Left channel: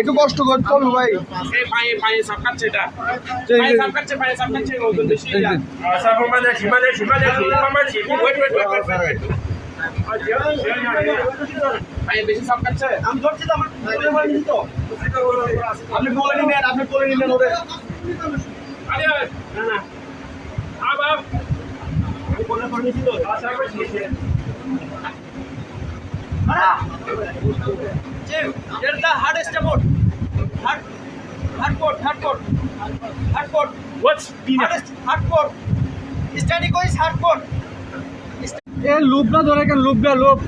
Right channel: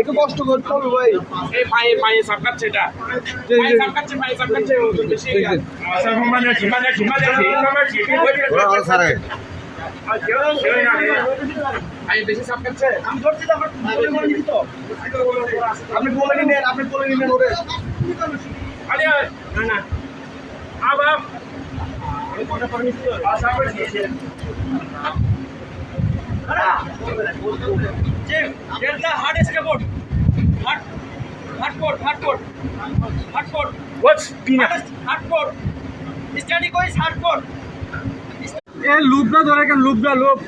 একটু কষ্ট করতে হবে ভাই। পায়ে সাপ কাটছে এটা, পায়ে সাপ কাটছে ওজন বেশি। পায়ে বেশি সাপ কাটছে। আমি ধরছি তো, আমার কোলে মার নিছি তো। আপনি কোলে নিন, আপনি কোলে নিন ওরে। আরে না না আবার আমি কোলে মার নিছি তো। Jim, get the hardest board. Hardcore. what's peanut Hardcore. Study ko is hardcore. A loop ना धरे के लूप ना लूप।